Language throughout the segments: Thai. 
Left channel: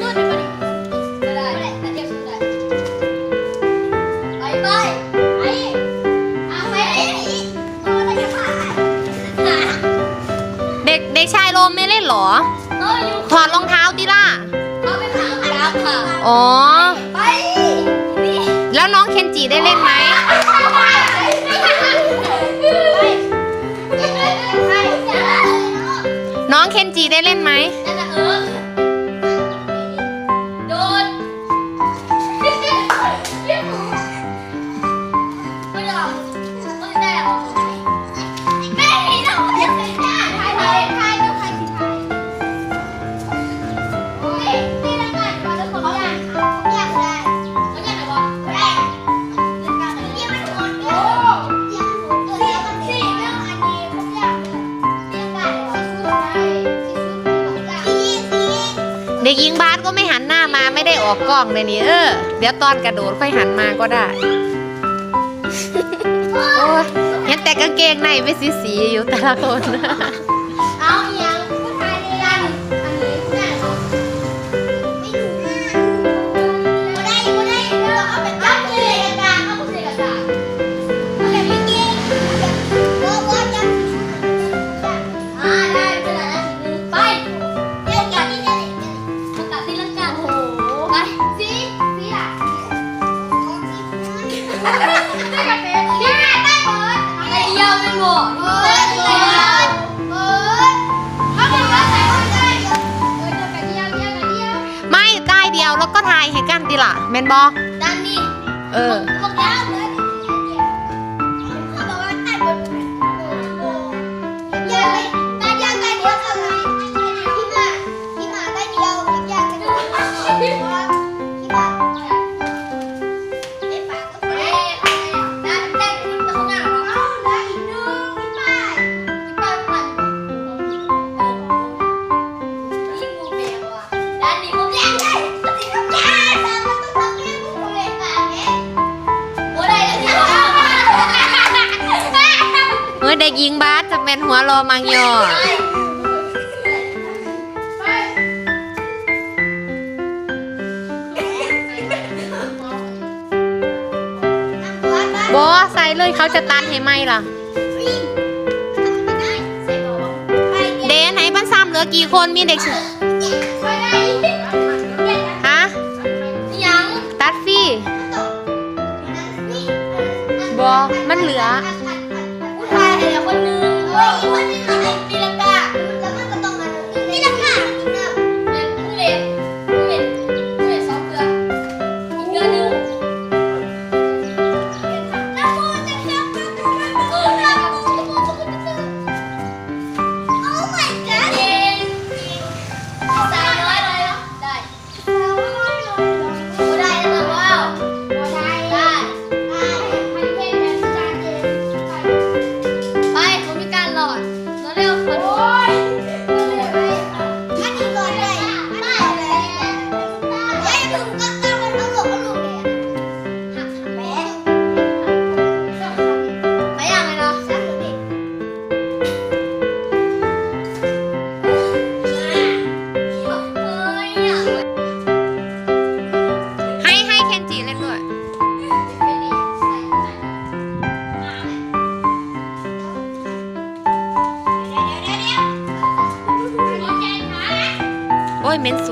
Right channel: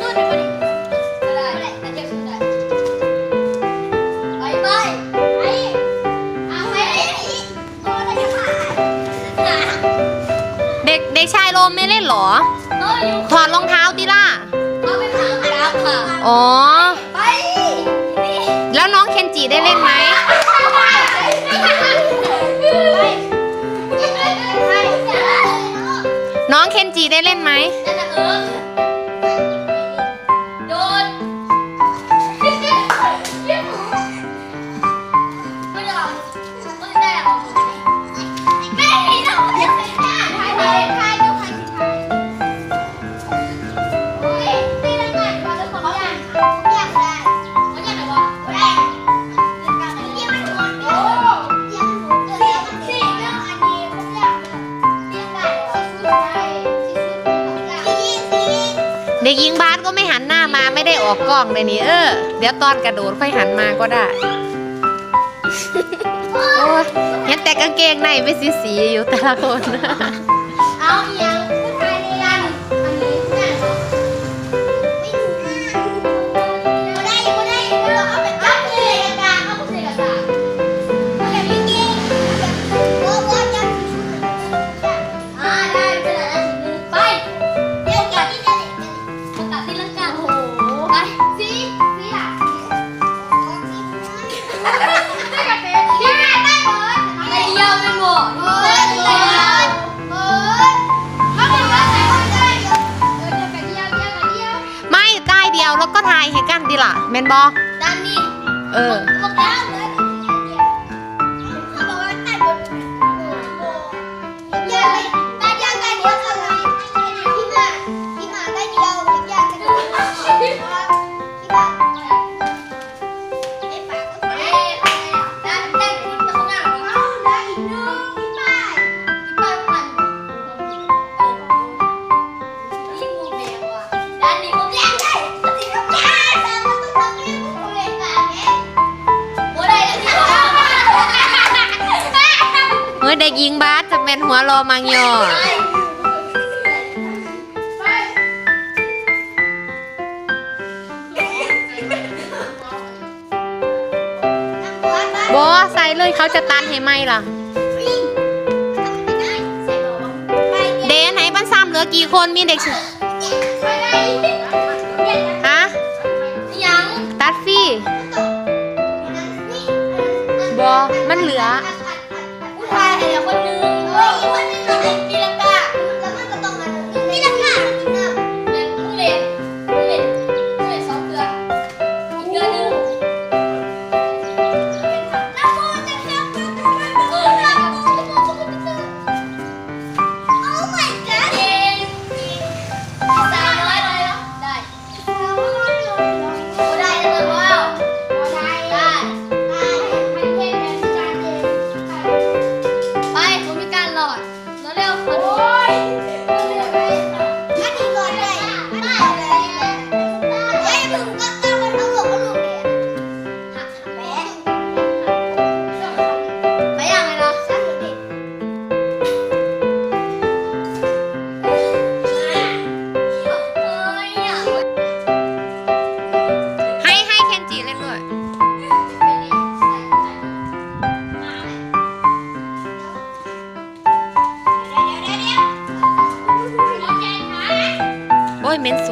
สู้ดิบ่ดิบ่ได้บ่ได้แต่เทียบสู้ได้ไปไปไปเอาไปโอ้ได้ยังไงเด็กเด็กชายโรมไม่เล่นเหรอโอ้อยู่ถอดรองเท้าดิล่ะเขาไปถามครับค่ะ อ๋อ ไปนี่ แล้วน้องเคนจิได้เล่นไหม น้องเคนจิได้เล่นไหมเด็กหญิงบาสก็ไม่หันหน้ามาไม่ได้ออกกล้องเลยนี่เออ เดี๋ยวตอนกระโดดค่อยหันมาก็ได้ โอ้ยเห็นแต่กางเกงในไม่สีสีๆอยู่แต่ละคน แล้วก็ทายให้กันดิล่ะแมนบอด้านนี้เออบอกแล้วเลย เป็นหัวโรมังยอบอใส่เลยเขาจะตันให้ไหมล่ะ เดนไหนบ้านซ้ำเหลือกี่คนมีเด็กฮะตัดฟี่บอมันเหลือผู้ชายเหลือคนนึง เฮ้ยคนนึง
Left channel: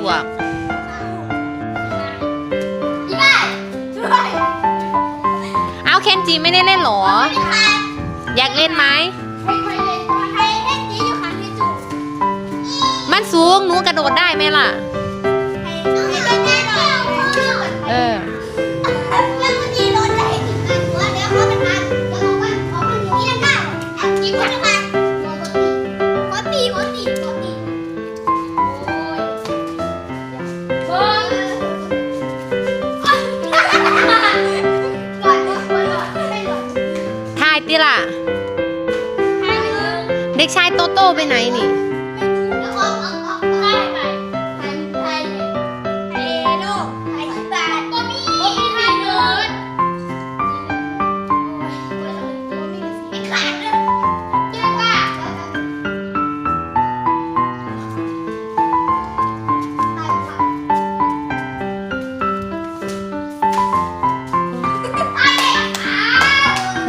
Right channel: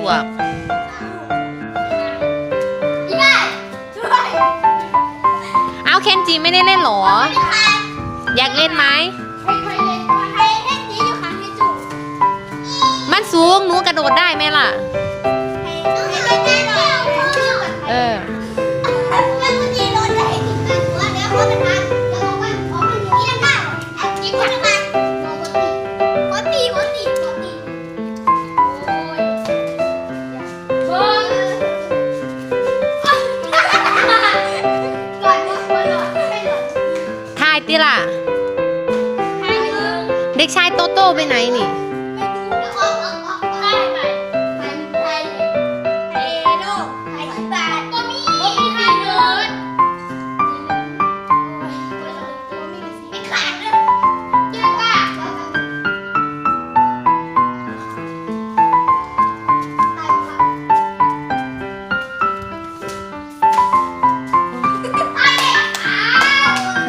วกอีบ้าช่วยเอาเคนจิไม่ได้เล่นเหรอไม่ทันอยากเล่นไหมให้ใครเล่นก่อนให้ให้จีอยู่ข้างที่จู่มันสูงหนูกระโดดได้ไหมล่ะ ให้ให้เล่นได้หน่อย เออ ติล่ะให้หนึ่งเด็กชายโตโต้ไปไหนนี่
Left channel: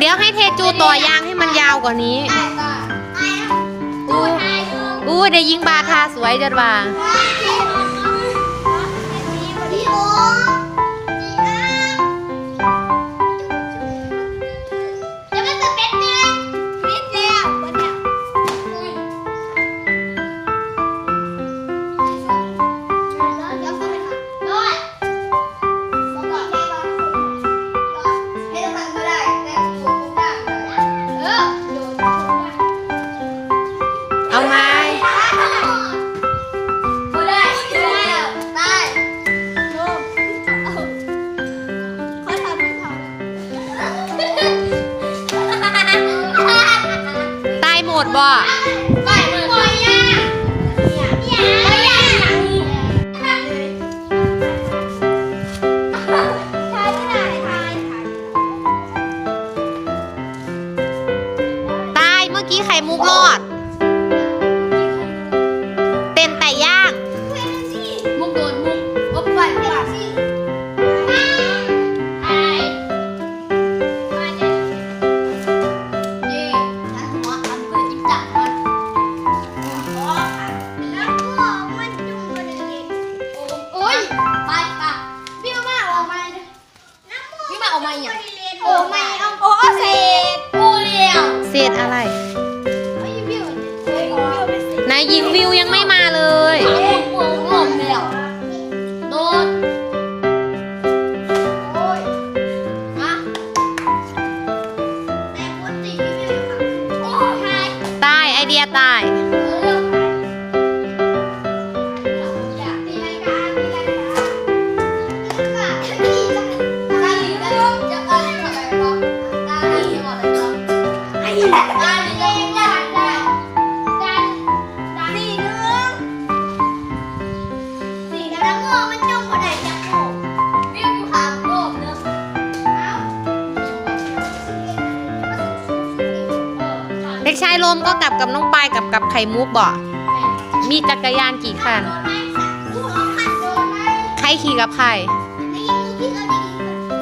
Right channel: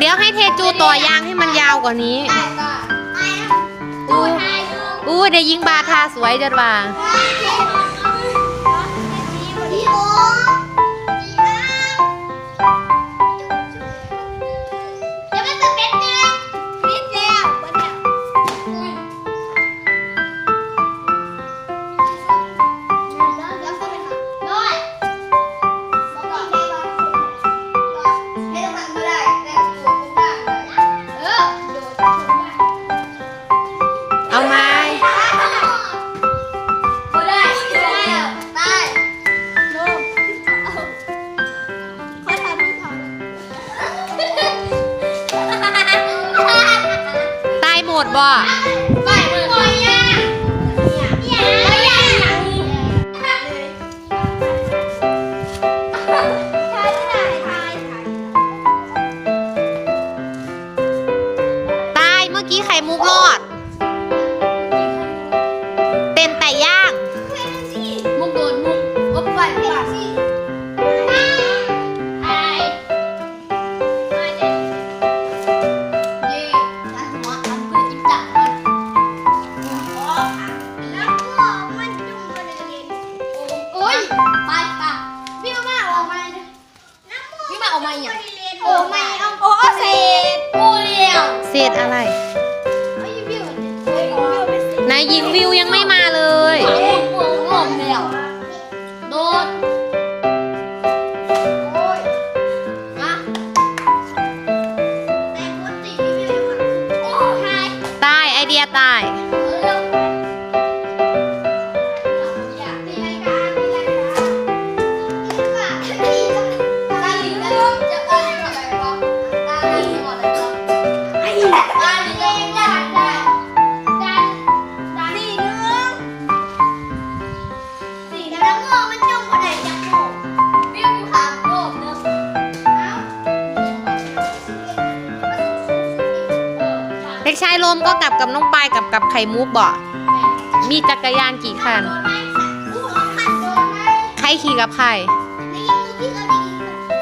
ยวให้เทจูต่อยางให้มันยาวกว่านี้ได้ก็ไอ้ดูไทยดูอู้ได้ยิงบาทาสวยจัดว่า ดบ่ไม่บ่ โอ้ไม่เอาโอ้เศษโอ้เลี้ยวเศษอะไรไอ้วิวเนี่ยโอ้ยวิวไม่เศษนายยิงวิวยังไม่มาเลยหางหัวงอม มก็กลับกับน้องปายกับกับไข่มุกบ่มีจักรยานกี่คัน ใครขี่กับใคร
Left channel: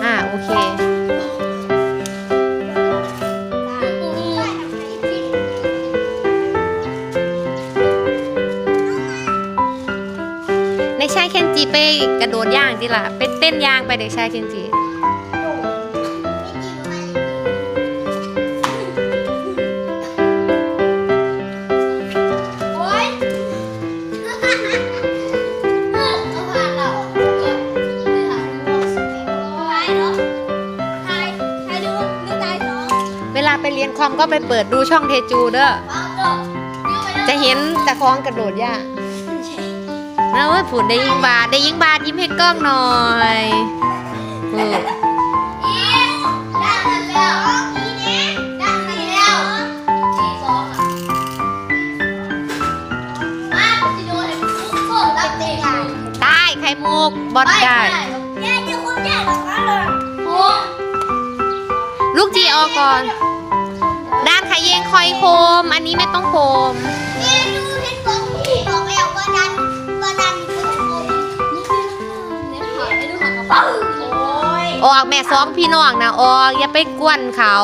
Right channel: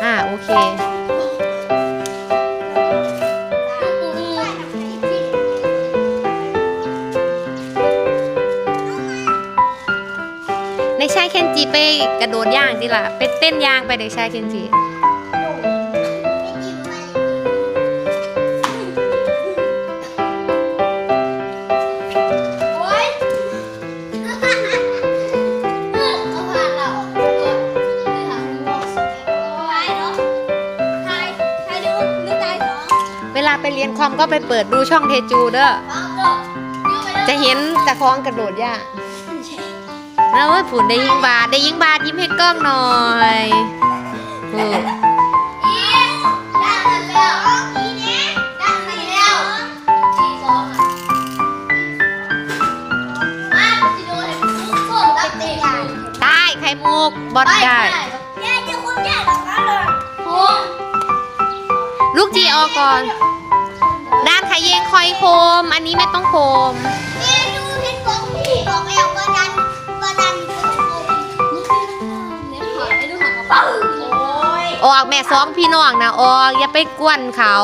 อ่าโอเคอืออืออือเด็กชายเคนจิไปกระโดดย่างดิล่ะ ไปเต้นย่างไปเด็กชายเคนจิ ไปเรียนคอมก็ไปเปิดดูช่องเทจูเด้อ จะเห็นตะคองกระโดดย่างนะเว้ยผุนได้ยิงบาทได้ยิงบาทยิ้มให้กล้องหน่อยเออดันแล้วด้านนี้แล้วสี่สองอะมาสิโดนให้ทุกคนรับเตายไข่มุกบอดได้แย่เดี๋ยวคนแย่แบบนั้นลูกจีออกก่อน เยงคอยโคม อันนี้ไม่ต้องโคมเอ๊ะดูเห็นบอกพี่บอกแล้วว่าดันว่าดันคนโกงลูกพี่ละค่ะเนี่ยหายไอ้ดูหางกระเป๋าโอ้ยออกแม่สองพี่น้องนะออกอย่าไปกวนเขา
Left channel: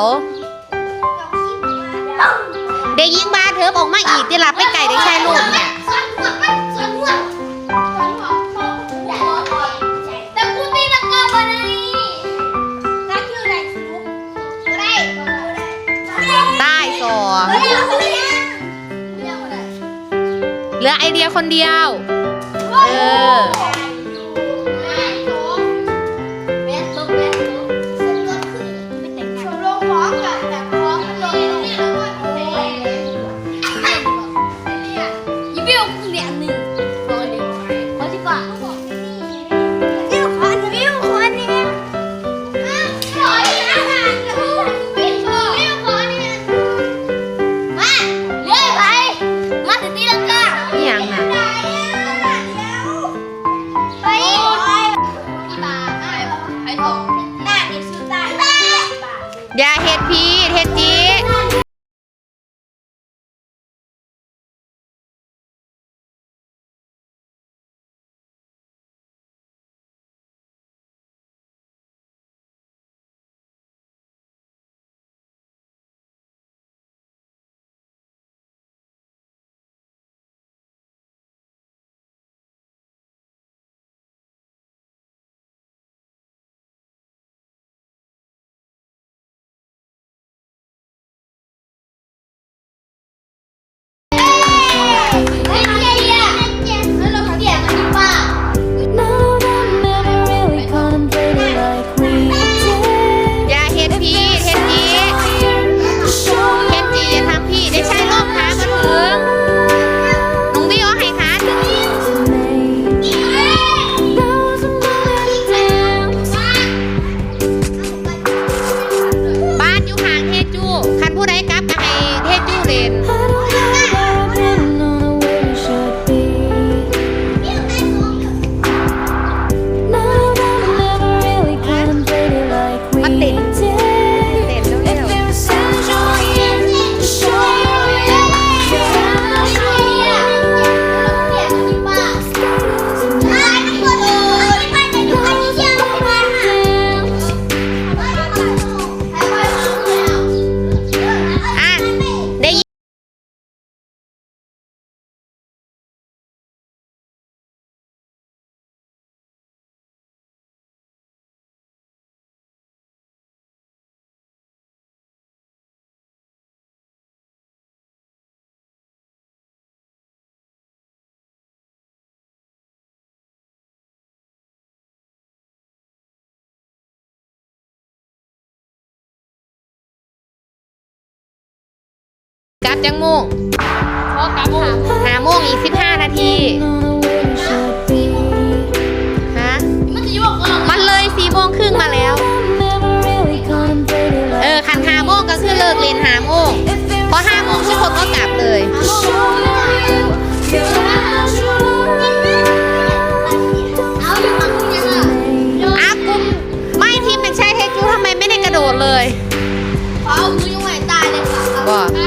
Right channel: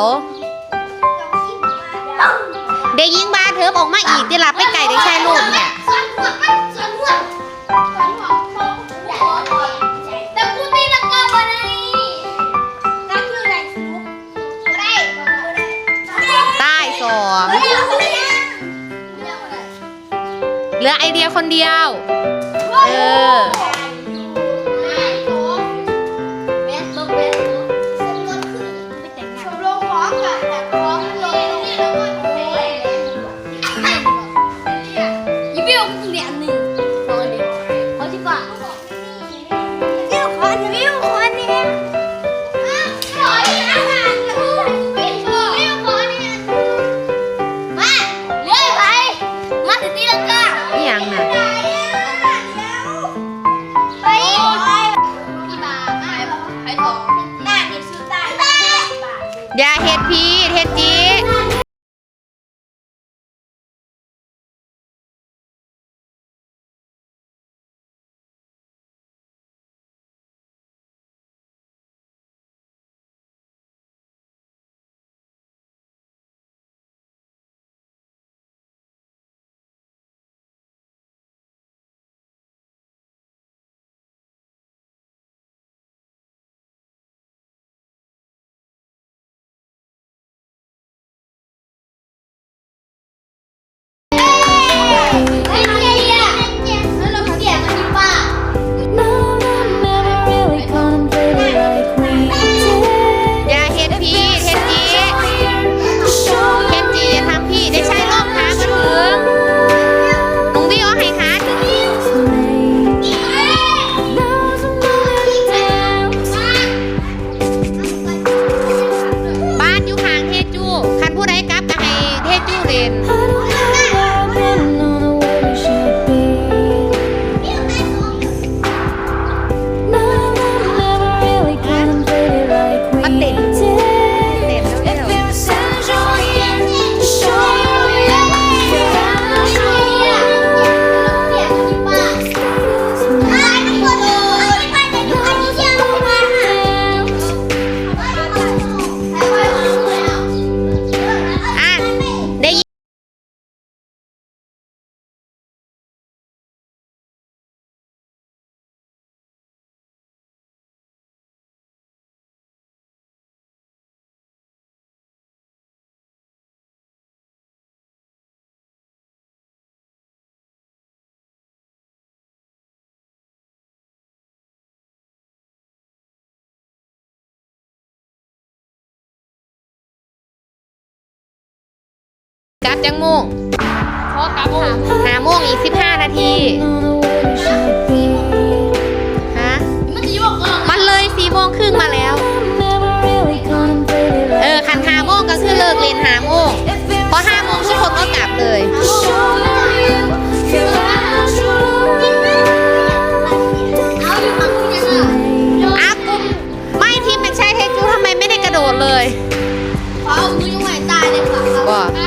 จองขี้บอกว่าเด็กยิงบาเถิบออกมาอีกที่หลับไปไก่เด็กชายลูกเนี่ย ส่วนหัวมันส่วนหัวส่วนหัว องกูได้กูได้เรียกอะไรเหลือไอเดียคนเดียว เออเบสบุ๊กเบสบุ๊กสมรสขึ้นไปแต่งงานชมรมฟ้องกับแต่ฟ้องมันลงเนี่ยแล้วก็โอ้ยเรียนดีกว่าเรียนดีกว่ายี่เบี้ยวกูเรียนหนึ่งพอดีพอดีกว่า พีเฮ็ด ลับจังโมงเพราะกลับหาหาโมงอีก15นาทีฮะมันจะโยกก่อนมันเลยสี่โมงครึ่งมาแล้ว เออคันหาโมงก็คือเลิกเรียนหาโมงพอห้าโมงทุกคนก็กลับเลยเอาอยู่ฝั่งนู้นยังอะอากุมไม่ทีมเป็นใช่เทจูทำไมไม่ได้กระโดดเลยเอามือยังไหวตายเลยค่ะบอกเอ